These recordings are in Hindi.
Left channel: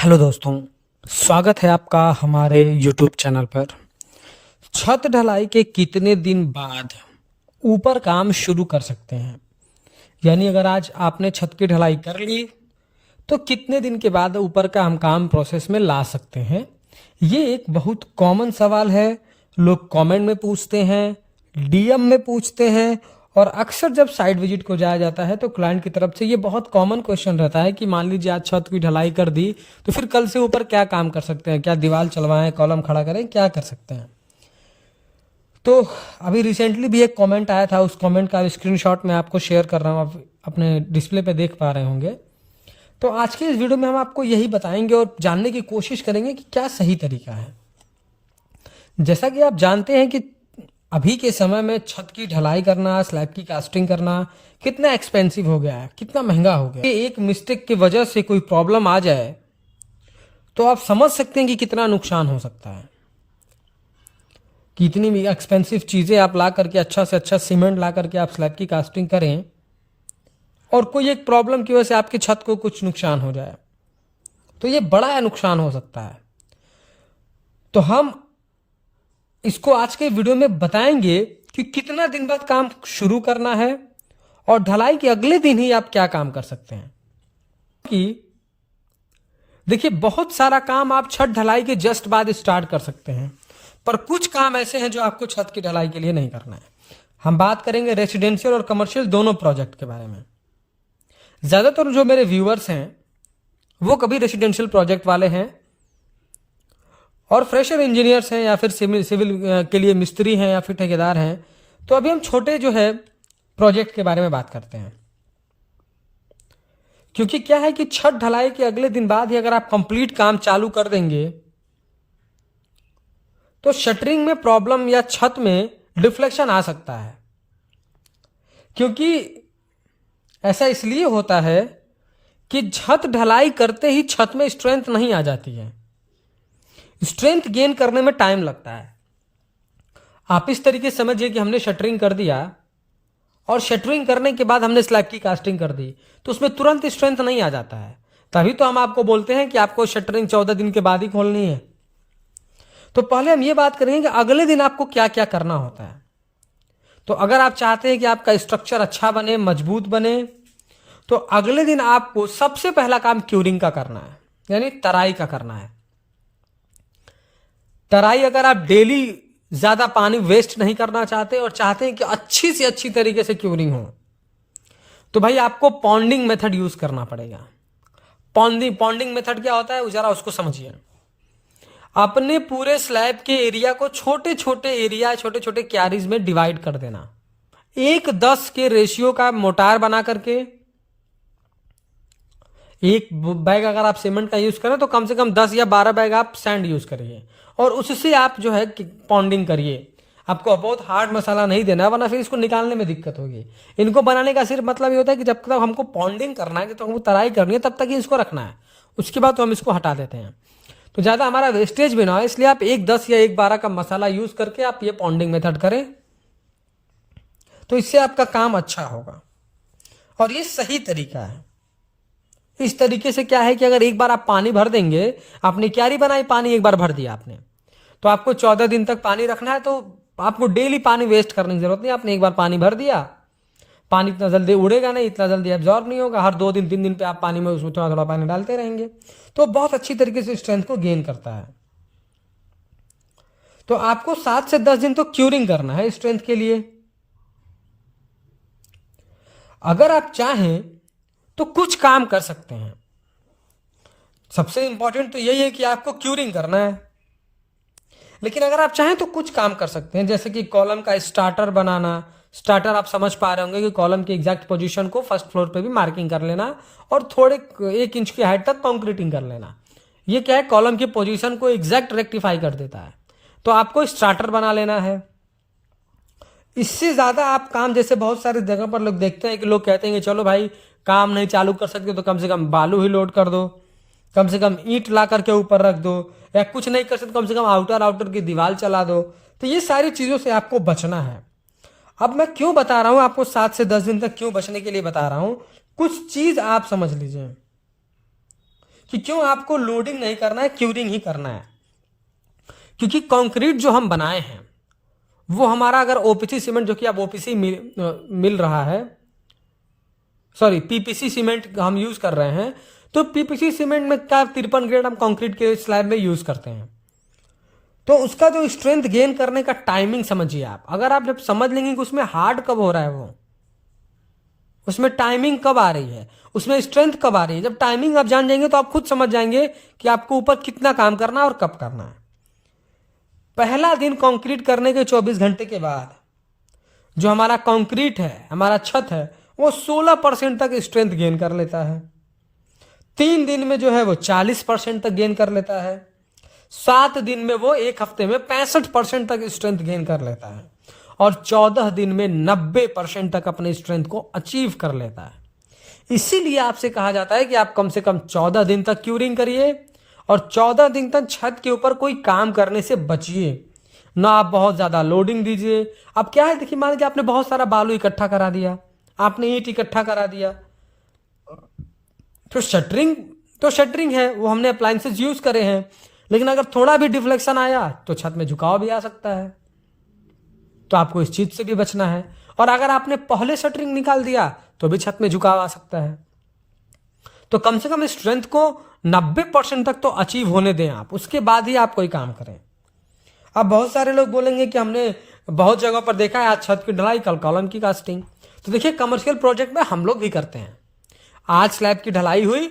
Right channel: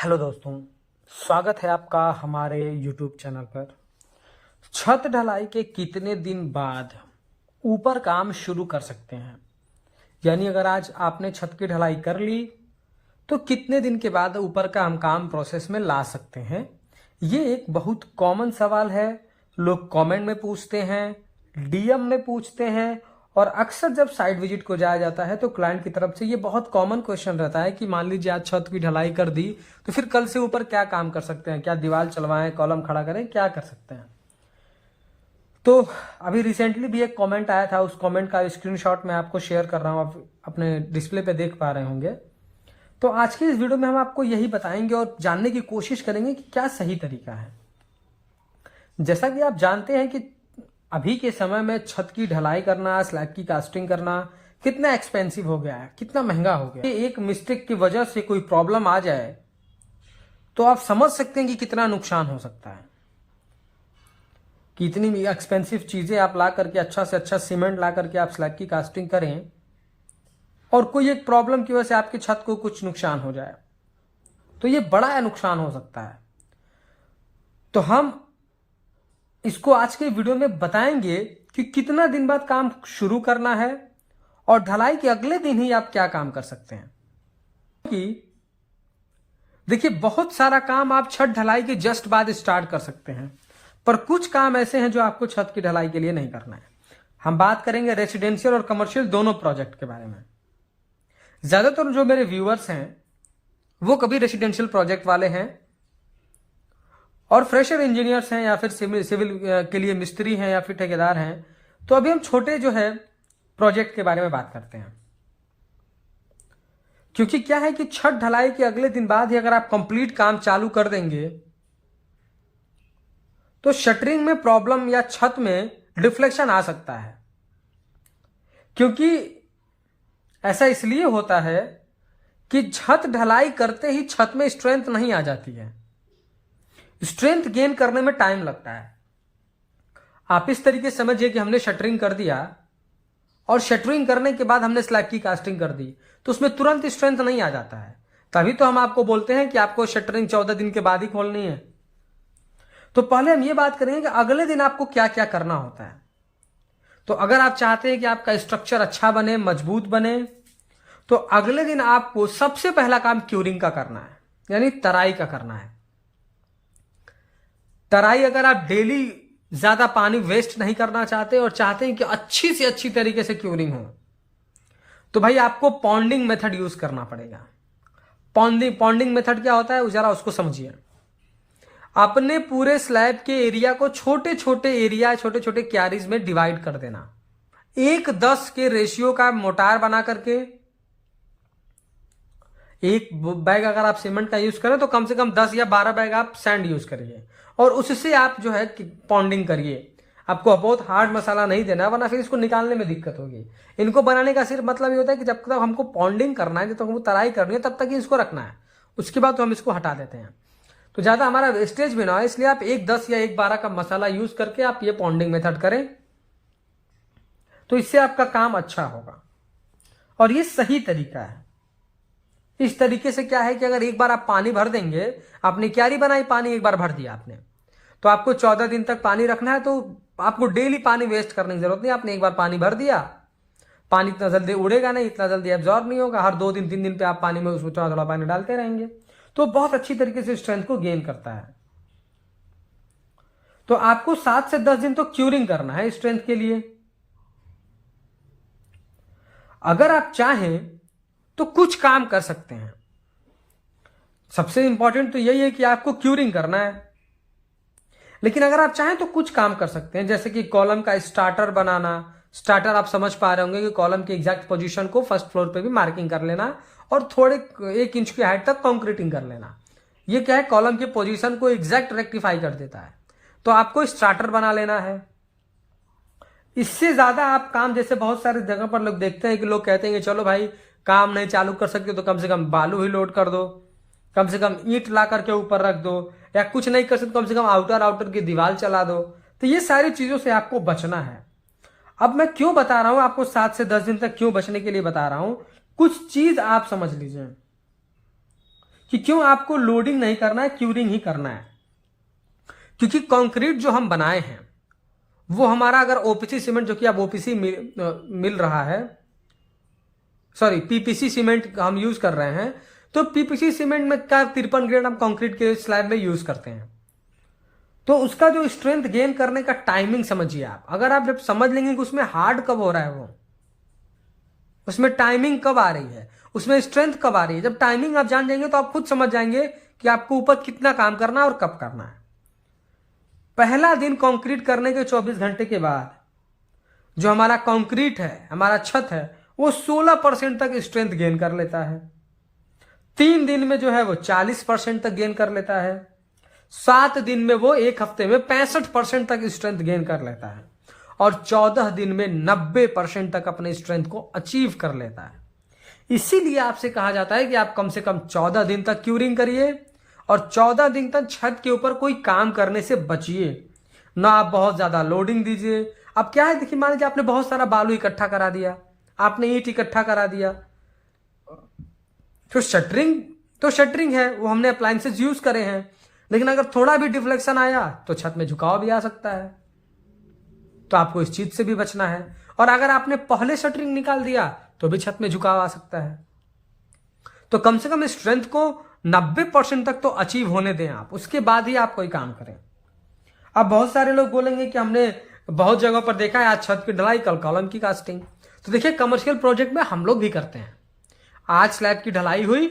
हेलो दोस्तों, स्वागत है आपका हमारे YouTube चैनल पर। छत ढलाई के कितने दिन बाद ऊपर काम शुरू कर सकते हैं? यानी अगर आज आपने छत की ढलाई कर ली तो कितने दिन के बाद ऊपर का हम काम प्रोसेस में ला सकते हैं? ये एक बहुत कॉमन सवाल है। लोग कमेंट में पूछते हैं, DM में पूछते हैं, और अक्सर जब साइट विजिट को जाया जाता है तो क्लाइंट की तरफ से ये बहुत कॉमन क्वेश्चन रहता है कि मान लीजिए आज छत की ढलाई कर दी तो फिर कल से ऊपर क्या काम कर सकते हैं? क्या दीवार चलवाएं, कॉलम खड़ा करें, क्या कर सकते हैं? तो अभी रिसेंटली भी एक कमेंट आया था, उस कमेंट का स्क्रीनशॉट मैं आपको शेयर कर रहा हूँ, आप अपने डिस्प्ले पे देख पा रहे होंगे। तो आज की इस वीडियो में हम आपको यही बताएंगे और जानने की कोशिश करेंगे कि क्या सही तरीका है। जैसा कि आप जानते हैं कि अभी के समय में छत की ढलाई करना, स्लैब की कास्टिंग करना कितना एक्सपेंसिव हो गया है, कितना महंगा हो गया है। एक मिस्टेक की वजह से कोई प्रॉब्लम आ जाए तो आप समझ सकते हैं कि कितना नुकसान हो सकता है। कि इतनी एक्सपेंसिव चीजें आप ला करके, अच्छा से अच्छा सीमेंट ला करके आप स्लैब की कास्टिंग करें और कोई एक प्रॉब्लम की वजह से आपकी छत को कुछ नुकसान हो जाए तो ये बड़ा नुकसान हो सकता है। तो हम इसको आज के वीडियो में बताएंगे कि कितना दिन बाद काम शुरू करना है और ढलाई के अगले दिन ही आप क्या काम कर सकते हैं। कि देखिए, बहुत सारा काम आप छत ढलाई के जस्ट बाद स्टार्ट कर सकते हैं, पर कुछ काम ऐसे हैं जो आपको छत की ढलाई के लिए नहीं करना है। हम बात करेंगे रेसिडेंशियल और कमर्शियल दोनों प्रोजेक्ट के बारे में। ज्यादातर जो मेरे व्यूअर्स हैं वो कभी रेसिडेंशियल प्रोजेक्ट वाले हैं और फ्रेशर इंजीनियर्स हैं या फिर सिविल के लिए मिस्त्री हैं या फिर ठेकेदार हैं। तो अभी हम छोटे जो है प्रोजेक्ट के बारे में बात करते हैं, क्योंकि क्या है कि छत ढलाई के अगले दिन बाद ही अगर आप कंप्लीट काम चालू कर देंगे तो शटरिंग में प्रॉब्लम या छत में डिफ्लेक्शन आ सकता है। क्योंकि ऐसा इसलिए होता है कि छत ढलाई करते ही छत में स्ट्रेंथ नहीं आ जाती है, स्ट्रेंथ गेन करने में टाइम लगता है। आप इस तरीके से समझिए कि हमने शटरिंग कर दिया और शटरिंग करने के बाद हमने स्लैब की कास्टिंग कर दी तो उसमें तुरंत स्ट्रेंथ नहीं आ जाता है। तभी तो हम आपको बोलते हैं कि आपको शटरिंग 14 दिन के बाद ही खोलनी है। तो पहले हम ये बात करेंगे कि अगले दिन आपको क्या क्या करना होता है। तो अगर आप चाहते हैं कि आपका स्ट्रक्चर अच्छा बने, मजबूत बने, तो अगले दिन आपको सबसे पहला काम क्यूरिंग का करना है, यानी तराई का करना है। तराई अगर आप डेली ज्यादा पानी वेस्ट नहीं करना चाहते और चाहते हैं कि अच्छी से अच्छी तरीके से क्यूरिंग हो, तो भाई आपको पॉन्डिंग मेथड यूज करना पड़ेगा। पॉन्डिंग मेथड क्या होता है जरा उसको समझिए। अपने पूरे स्लैब के एरिया को छोटे छोटे एरिया, छोटे छोटे क्यारीज में डिवाइड कर देना। 1:10 के रेशियो का मोटार बना करके, एक बैग अगर आप सीमेंट का यूज करें तो कम से कम 10 या 12 बैग आप सैंड यूज करिए और उससे आप जो है पॉन्डिंग करिए। आपको बहुत हार्ड मसाला नहीं देना है, वरना फिर इसको निकालने में दिक्कत होगी। इनको बनाने का सिर्फ मतलब ये होता है कि जब तक हमको पॉन्डिंग करना है, जब तक हमको तराई करनी है, तब तक ही इसको रखना है। उसके बाद तो हम इसको हटा देते हैं, तो ज्यादा हमारा वेस्टेज भी ना हो। इसलिए आप 1:10 या 1:12 का मसाला यूज करके आप ये पॉन्डिंग मेथड करें, तो इससे आपका काम अच्छा होगा और ये सही तरीका है। इस तरीके से क्या है कि अगर एक बार आप पानी भर देंगे, आपने क्यारी बनाई, पानी एक बार भर दिया आपने, तो आपको 14 दिन तक पानी रखना है। तो आपको डेली पानी वेस्ट करने की जरूरत नहीं। आपने एक बार पानी भर दिया, पानी इतना जल्दी उड़ेगा नहीं, इतना जल्दी एब्जॉर्ब नहीं होगा। हर 2 दिन 3 दिन पे आप पानी में उसमें थोड़ा थोड़ा पानी डालते रहेंगे, तो बहुत अच्छी तरीके से स्ट्रेंथ को गेन करता है। तो आपको 7 से 10 दिन तो क्यूरिंग करना है स्ट्रेंथ के लिए। अगर आप चाहें तो कुछ काम कर सकते हैं। सबसे इंपॉर्टेंट तो यही है कि आपको क्यूरिंग करना है, लेकिन अगर आप चाहें तो कुछ काम कर सकते हैं, जैसे कि कॉलम का स्टार्टर बनाना। स्टार्टर आप समझ पा रहे होंगे कि कॉलम की एग्जैक्ट पोजीशन को फर्स्ट फ्लोर पे भी मार्किंग कर लेना और थोड़े 1 इंच की हाइट तक कंक्रीटिंग कर लेना। ये क्या है, कॉलम की पोजीशन को एग्जैक्ट रेक्टिफाई कर देता है। तो आपको स्टार्टर बना लेना है। इससे ज्यादा आप काम, जैसे बहुत सारे जगह पर लोग देखते हैं कि लोग कहते हैं कि चलो भाई काम नहीं चालू कर सकते तो कम से कम बालू ही लोड कर दो, कम से कम ईंट ला करके ऊपर रख दो, या कुछ नहीं कर सकते कम से कम आउटर की दीवार चला दो। तो ये सारी चीजों से आपको बचना है। अब मैं क्यों बता रहा हूं आपको 7 से 10 दिन तक क्यों बचने के लिए बता रहा हूं, कुछ चीज आप समझ लीजिए कि क्यों आपको लोडिंग नहीं करना है, क्यूरिंग ही करना है। क्योंकि कंक्रीट जो हम बनाए हैं वो हमारा अगर ओपीसी सीमेंट, जो कि अब ओपीसी मिल रहा है, सॉरी पीपीसी सीमेंट हम यूज कर रहे हैं, तो पीपीसी सीमेंट में क्या 53 ग्रेड हम कंक्रीट के स्लैब में यूज करते हैं। तो उसका जो स्ट्रेंथ गेन करने का टाइमिंग समझिए आप। अगर आप जब समझ लेंगे कि उसमें हार्ड कब हो रहा है, वो उसमें टाइमिंग कब आ रही है, उसमें स्ट्रेंथ कब आ रही है, जब टाइमिंग आप जान जाएंगे तो आप खुद समझ जाएंगे कि आपको ऊपर कितना काम करना है और कब करना है। पहला दिन कंक्रीट करने के 24 घंटे के बाद जो हमारा कंक्रीट है, हमारा छत है, वो 16% तक स्ट्रेंथ गेन कर लेता है। 3 दिन में जो है वो 40% तक गेन कर लेता है। 7 दिन में वो एक हफ्ते में 65% तक स्ट्रेंथ गेन कर लेता है। और 14 दिन में 90% तक अपने स्ट्रेंथ को अचीव कर लेता है। इसीलिए आपसे कहा जाता है कि आप कम से कम 14 दिन तक क्यूरिंग करिए और 14 दिन तक छत के ऊपर कोई काम करने से बचिए। ना आप बहुत ज्यादा लोडिंग दीजिए। अब क्या है, देखिए मान लीजिए आपने बहुत सारा बालू इकट्ठा करा दिया, आपने ईंट इकट्ठा करा दिया, तो शटरिंग है, वो हमने अप्लायंसेस यूज करे हैं, लेकिन अगर थोड़ा भी डिफ्लेक्शन आया तो छत में झुकाव भी आ सकता है। तो आपको इस चीज से भी बचना है। और अगर आपने पहले शटरिंग निकाल दिया तो भी छत में झुकाव आ सकता है। तो कम से कम स्ट्रेंथ को 90% तक तो अचीव होने दें आप, उसके बाद ही आप कोई काम करें। अब बहुत सारे लोग बोलेंगे कि हमने बहुत जगह पर देखा है आज छत की ढलाई, कल कॉलम की कास्टिंग। तो देखिए कमर्शियल प्रोजेक्ट में हम लोग भी करते हैं। आज स्लैब की ढलाई हुई,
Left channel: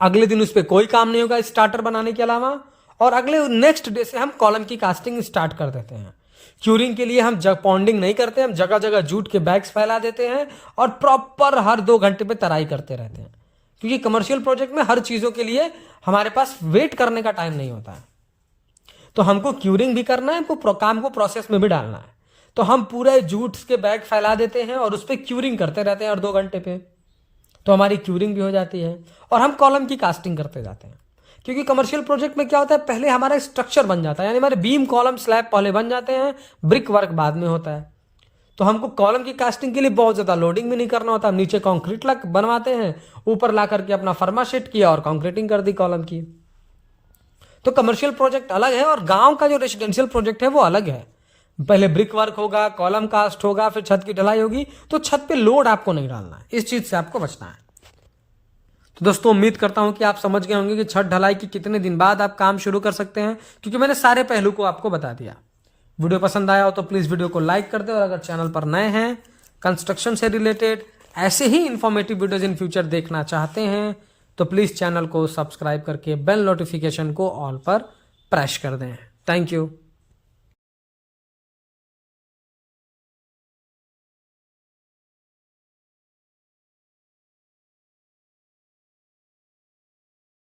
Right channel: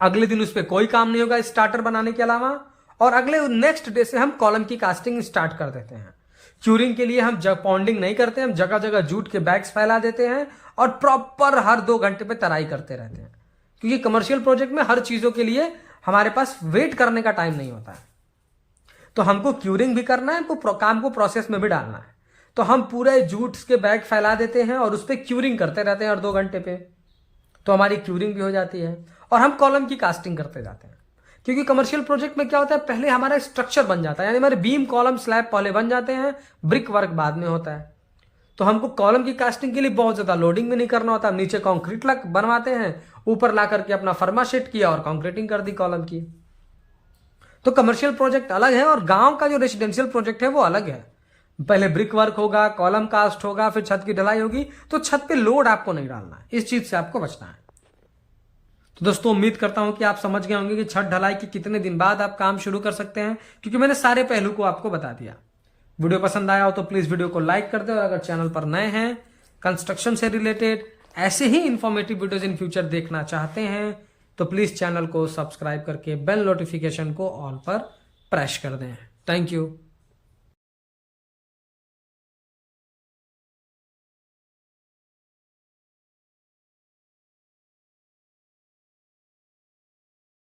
अगले दिन उस पर कोई काम नहीं होगा स्टार्टर बनाने के अलावा, और अगले नेक्स्ट डे से हम कॉलम की कास्टिंग स्टार्ट कर देते हैं। क्यूरिंग के लिए हम पॉन्डिंग नहीं करते, हम जगह जगह जूट के बैग्स फैला देते हैं और प्रॉपर हर 2 घंटे पे तराई करते रहते हैं। क्योंकि कमर्शियल प्रोजेक्ट में हर चीजों के लिए हमारे पास वेट करने का टाइम नहीं होता है। तो हमको क्यूरिंग भी करना है, हमको काम को प्रोसेस में भी डालना है। तो हम पूरे जूट के बैग फैला देते हैं और उस पर क्यूरिंग करते रहते हैं हर 2 घंटे पे। तो हमारी क्यूरिंग भी हो जाती है और हम कॉलम की कास्टिंग करते जाते हैं। क्योंकि कमर्शियल प्रोजेक्ट में क्या होता है, पहले हमारा स्ट्रक्चर बन जाता है, यानी हमारे बीम कॉलम स्लैब पहले बन जाते हैं, ब्रिक वर्क बाद में होता है। तो हमको कॉलम की कास्टिंग के लिए बहुत ज्यादा लोडिंग भी नहीं करना होता। हम नीचे कंक्रीट लग बनवाते हैं, ऊपर ला करके अपना फर्मा शीट किया और कंक्रीटिंग कर दी कॉलम की। तो कमर्शियल प्रोजेक्ट अलग है और गांव का जो रेसिडेंशियल प्रोजेक्ट है वो अलग है। पहले ब्रिक वर्क होगा, कॉलम कास्ट होगा, फिर छत की ढलाई होगी। तो छत पे लोड आपको नहीं डालना, इस चीज से आपको बचना है। तो दोस्तों उम्मीद करता हूं कि आप समझ गए होंगे कि छत ढलाई की कितने दिन बाद आप काम शुरू कर सकते हैं, क्योंकि मैंने सारे पहलू को आपको बता दिया। वीडियो पसंद आया हो तो प्लीज वीडियो को लाइक कर दे, और अगर चैनल पर नए हैं, कंस्ट्रक्शन से रिलेटेड ऐसे ही इंफॉर्मेटिव वीडियोज इन फ्यूचर देखना चाहते हैं, तो प्लीज चैनल को सब्सक्राइब करके बेल नोटिफिकेशन को ऑल पर प्रेस कर दें। Thank you.